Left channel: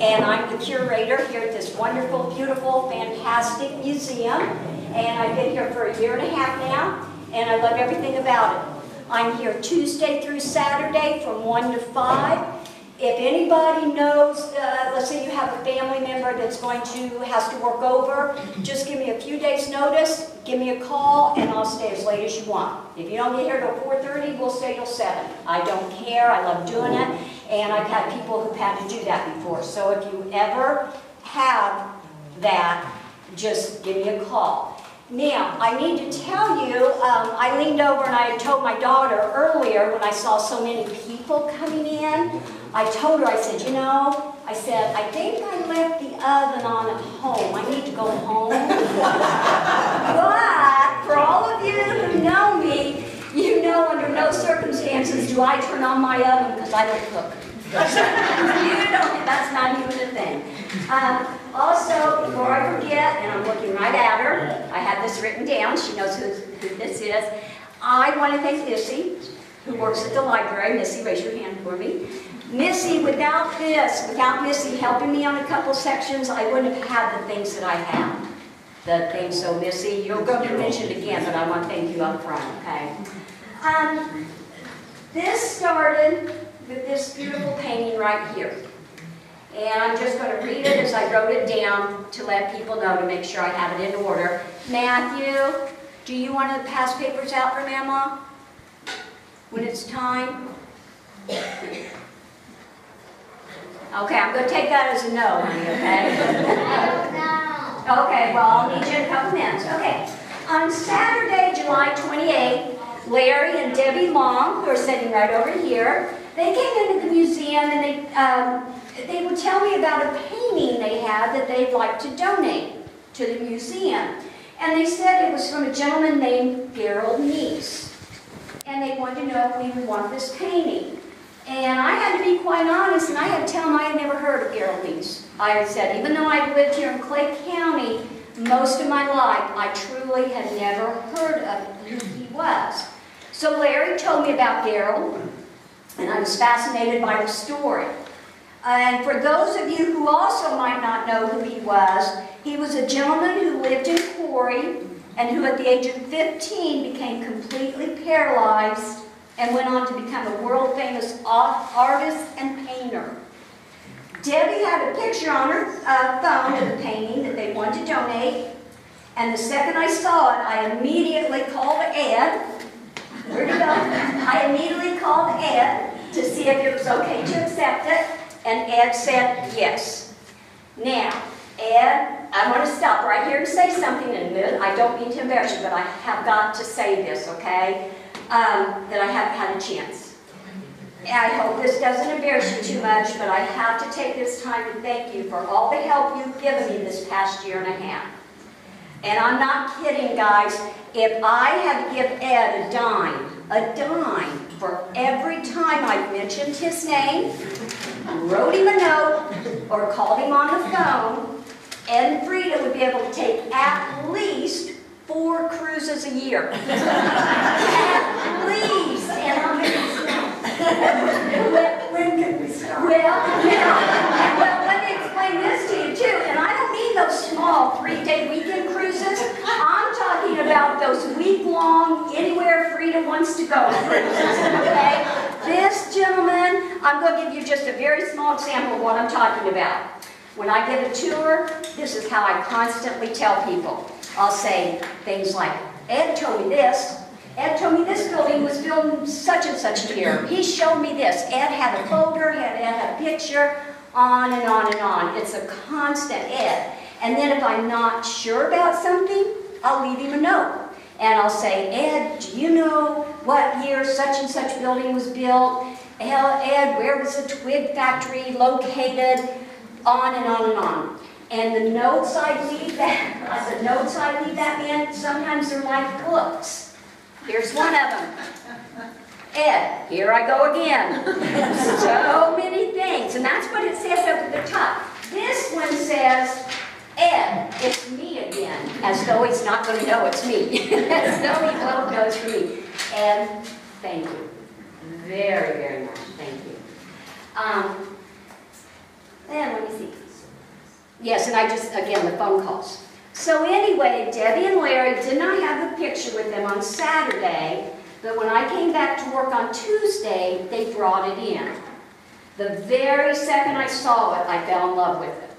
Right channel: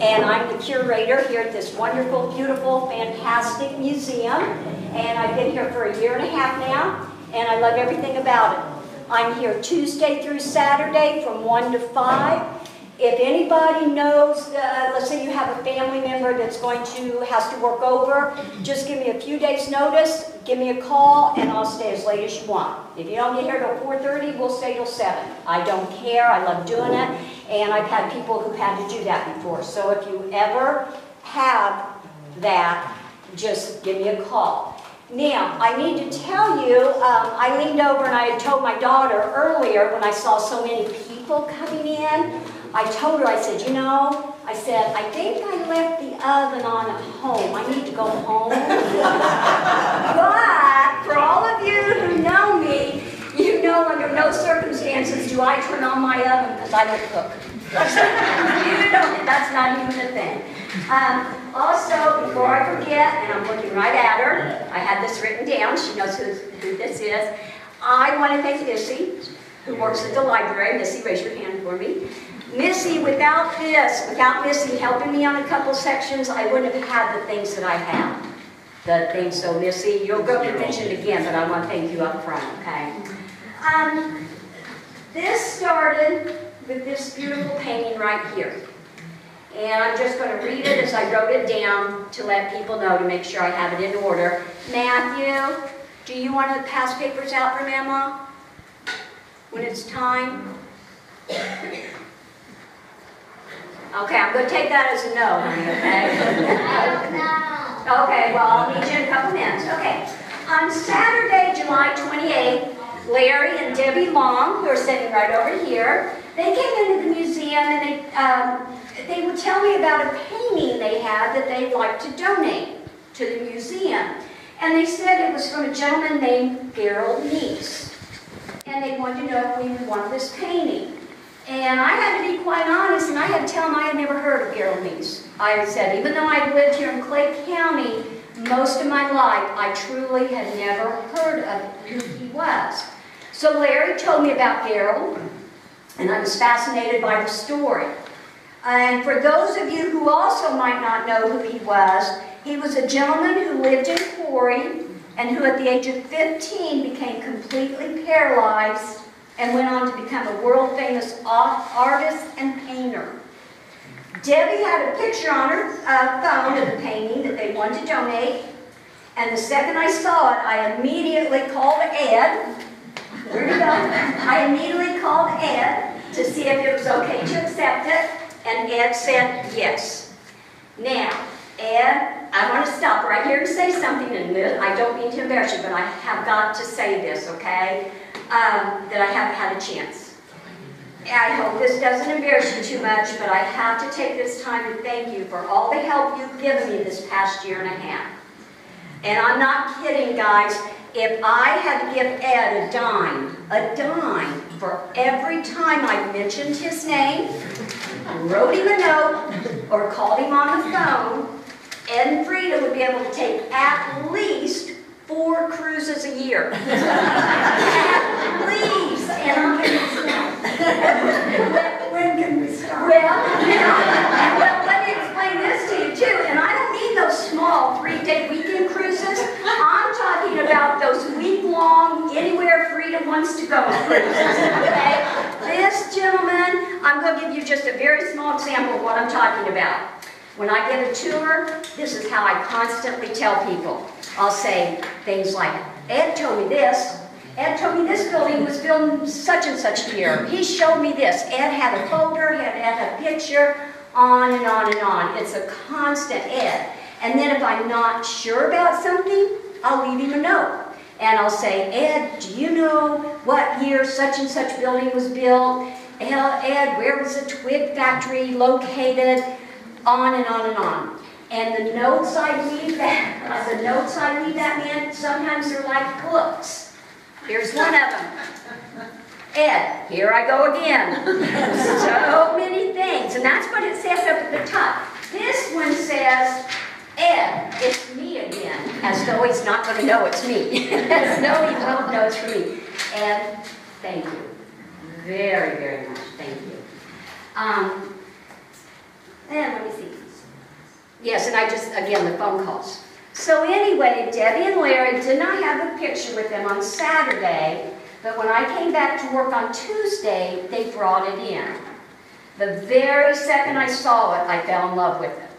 and I'm the curator here at this wonderful, beautiful, fantastic museum. And I've been here for 1.5 years now, and I love everything about it. I'm here Tuesday through Saturday from 1 to 5. If anybody knows, let's say you have a family member that's has to work over, just give me a few days notice, give me a call, and I'll stay as late as you want. If you don't get here till 4:30, we'll stay till 7. I don't care, I love doing it, and I've had people who've had to do that before. So if you ever have that, just give me a call. Now, I need to tell you, I leaned over and I had told my daughter earlier when I saw so many people coming in, I told her, I said, you know, I think I left the oven on at home. I need to go home. But for all of you who know me, you know under no circumstances do I turn on my oven because I don't cook. That's not even a thing. Also, before I forget, and I'm looking right at her, I had this written down. She knows who this is. I want to thank Missy, who works at the library. Missy, raise your hand for me. Missy, without Missy helping me on a couple sections, I wouldn't have had the things that I have. So Missy, you'll go to mention it again, but I want to thank you up front, okay? This started with this beautiful painting right here. And I'm just going to read it as I wrote it down to let people know, to make sure I have it in order. Matthew, do you want to pass papers out for Mama when it's time? Okay, I'm going to take that as a no, honey, okay? Okay, well, I'll need you in a couple minutes. Okay, on Saturday, July 28th, Larry and Debbie Long, who are sitting right over here, they came into the museum and they would tell me about a painting they had that they'd like to donate to the museum. And they said it was from a gentleman named Garald Lee Nees. And they wanted to know if we would want this painting. And I had to be quite honest, and I had to tell them I had never heard of Garald Lees. I said, even though I lived here in Clay County most of my life, I truly had never heard of who he was. So Larry told me about Garald, and I was fascinated by the story. And for those of you who also might not know who he was a gentleman who lived in Quarry, and who at the age of 15 became completely paralyzed and went on to become a world-famous artist and painter. Debbie had a picture on her phone of the painting that they wanted to donate, and the second I saw it, I immediately called Ed. Where'd you go? I immediately called Ed to see if it was okay to accept it, and Ed said yes. Now, Ed, I want to stop right here and say something in a minute. I don't mean to embarrass you, but I have got to say this, okay? That I haven't had a chance. I hope this doesn't embarrass you too much, but I have to take this time to thank you for all the help you've given me this past 1.5 years. And I'm not kidding, guys. If I had given Ed a dime for every time I mentioned his name, wrote him a note, or called him on the phone, Ed and Frida would be able to take at least 4 cruises a year. At least. And I'm going when can we start? Well, let me explain this to you too. And I don't mean those small 3-day weekend cruises. I'm talking about those week-long, anywhere Frida wants to go cruises. Okay? This gentleman, I'm going to give you just a very small example of what I'm talking about. When I give a tour, this is how I constantly tell people. I'll say things like, Ed told me this. Ed told me this building was built in such and such a year. He showed me this. Ed had a folder, Ed had a picture, on and on and on. It's a constant Ed. And then if I'm not sure about something, I'll leave him a note. And I'll say, Ed, do you know what year such and such building was built? Ed, where was the twig factory located? On and on and on. And the notes I leave that man, sometimes they're like books. Here's one of them. Ed, here I go again. So many things. And that's what it says up at the top. This one says, Ed, it's me again. As though he's not going to know it's me. As though he won't know it's me. Ed, thank you. Very, very much. Thank you. And let me see Yes, and I just, again, the phone calls. So anyway, Debbie and Larry did not have the picture with them on Saturday, but when I came back to work on Tuesday, they brought it in. The very second I saw it, I fell in love with it.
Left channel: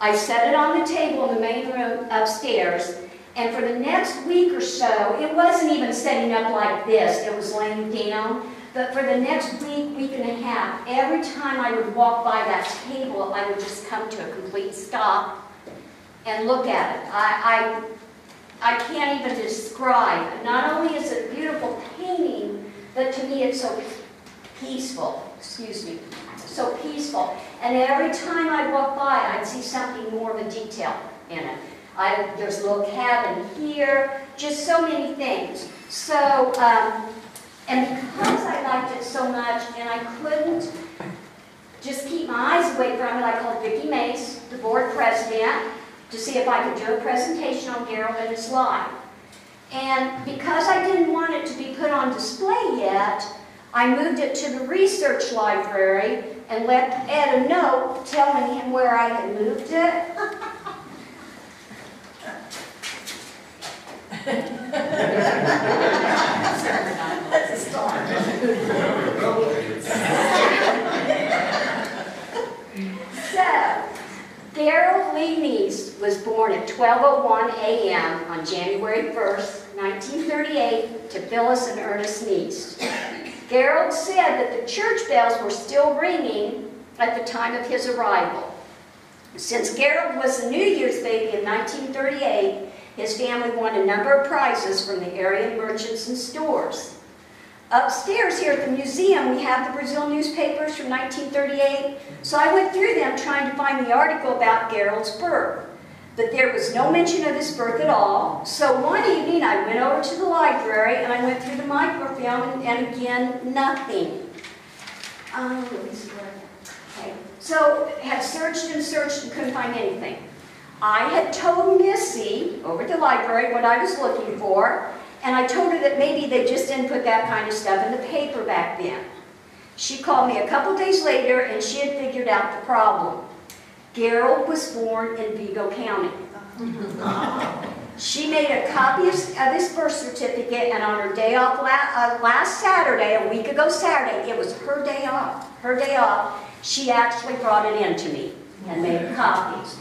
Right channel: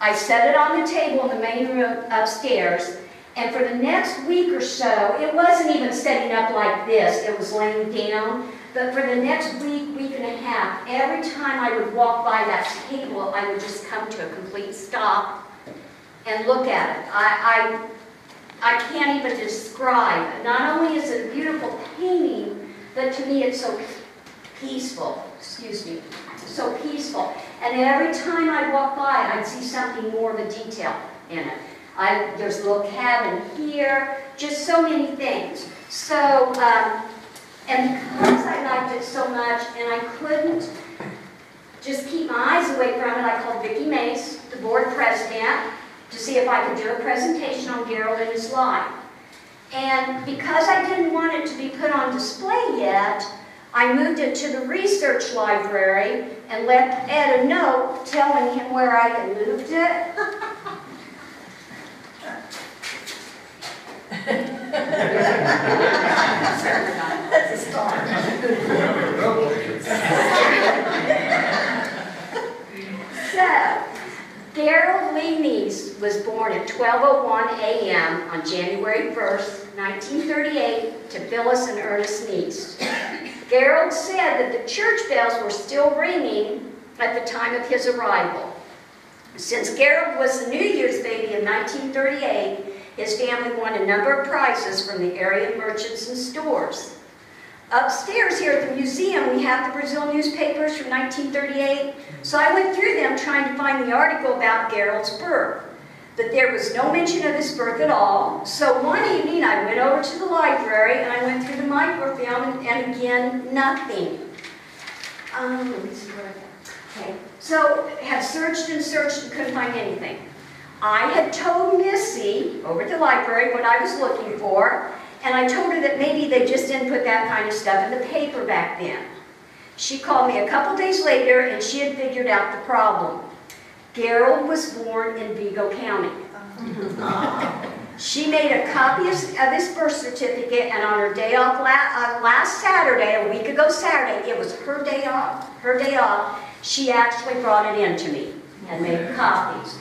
I set it on the table in the main room upstairs, and for the next week or so, it wasn't even setting up like this, it was laying down, but for the next week and a half, every time I would walk by that table, I would just come to a complete stop and look at it. I can't even describe it. Not only is it a beautiful painting, but to me it's so peaceful. Excuse me. So peaceful. And every time I walk by it, I'd see something more of a detail in it. There's a little cabin here, just so many things. So, and because I liked it so much, and I couldn't just keep my eyes away from it, I called Vicki Mace, the board president, to see if I could do a presentation on Garald and his life. And because I didn't want it to be put on display yet, I moved it to the research library and left Ed a note telling him where I had moved it. That's a start. So, Garald Lee Nees was born at 12:01 a.m. on January 1st, 1938, to Phyllis and Ernest Nees. Garald said that the church bells were still ringing at the time of his arrival. Since Garald was a New Year's baby in 1938, his family won a number of prizes from the area merchants and stores. Upstairs here at the museum, we have the Brazil newspapers from 1938, so I went through them trying to find the article about Garald's birth. But there was no mention of his birth at all, so one evening I went over to the library and I went through the microfilm, and again, nothing. Okay. So I had searched and couldn't find anything. I had told Missy over at the library what I was looking for, and I told her that maybe they just didn't put that kind of stuff in the paper back then. She called me a couple days later, and she had figured out the problem. Garald was born in Vigo County. She made a copy of his birth certificate, and on her day off last Saturday, a week ago Saturday, it was her day off, she actually brought it in to me and made copies.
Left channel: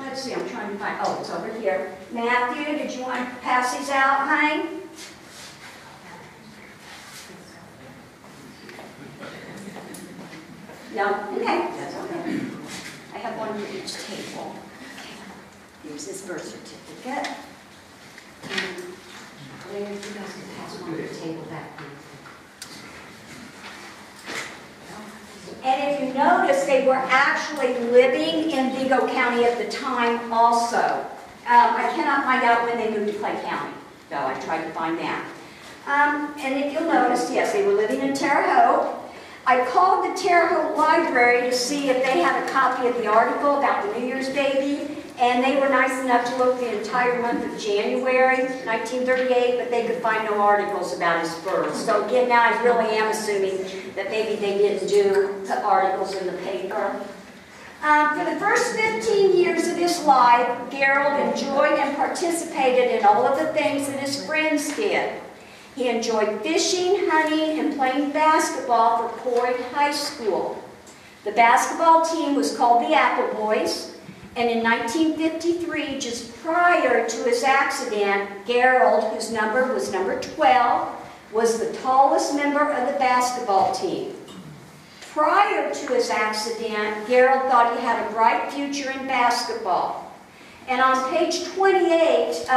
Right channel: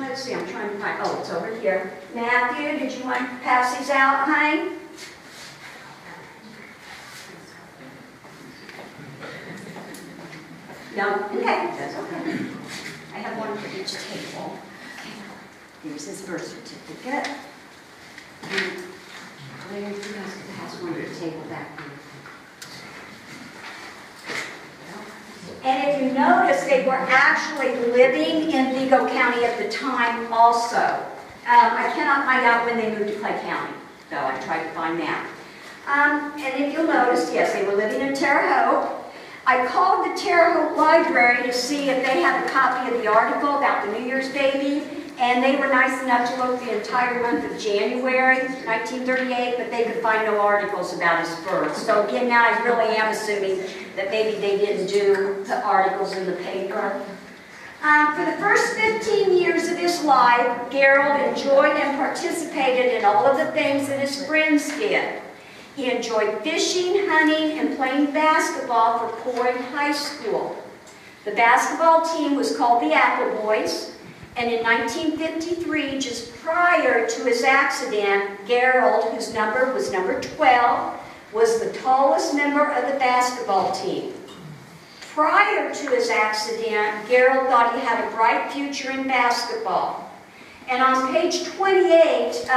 Let's see, I'm trying to find, oh, it's over here. Matthew, did you want to pass these out, honey? No? Okay, that's okay. I have one for each table. Here's his birth certificate. And you have to pass one to the table back there. And if you notice, they were actually living in Vigo County at the time also. I cannot find out when they moved to Clay County, though I tried to find that. And if you'll notice, yes, they were living in Terre Haute. I called the Terre Haute Library to see if they had a copy of the article about the New Year's baby, and they were nice enough to look the entire month of January 1938, but they could find no articles about his birth. So again, now I really am assuming that maybe they didn't put articles in the paper. For the first 15 years of his life, Garald enjoyed and participated in all of the things that his friends did. He enjoyed fishing, hunting, and playing basketball for Corey High School. The basketball team was called the Apple Boys, and in 1953, just prior to his accident, Garald, whose number was number 12, was the tallest member of the basketball team. Prior to his accident, Garald thought he had a bright future in basketball. And on page 28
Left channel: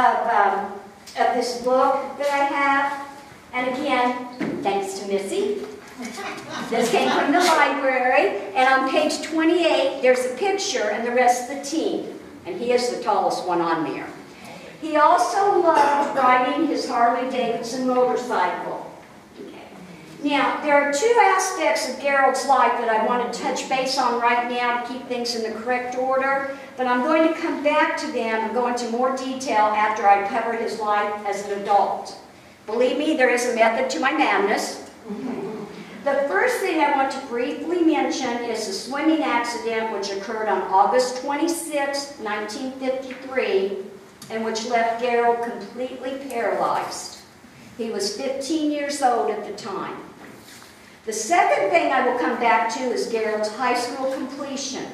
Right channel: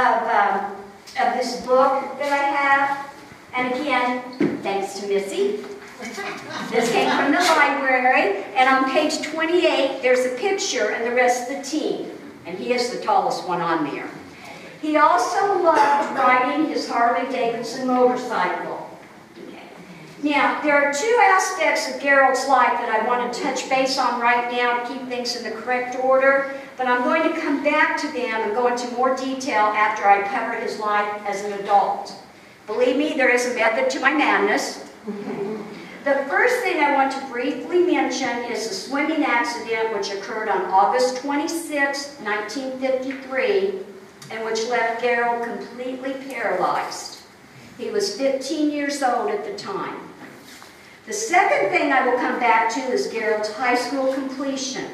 of this book that I have, and again, thanks to Missy, this came from the library, and on page 28, there's a picture and the rest of the team, and he is the tallest one on there. He also loved riding his Harley-Davidson motorcycle. Now, there are two aspects of Garald's life that I want to touch base on right now to keep things in the correct order, but I'm going to come back to them and go into more detail after I cover his life as an adult. Believe me, there is a method to my madness. The first thing I want to briefly mention is a swimming accident which occurred on August 26, 1953, and which left Garald completely paralyzed. He was 15 years old at the time. The second thing I will come back to is Garald's high school completion.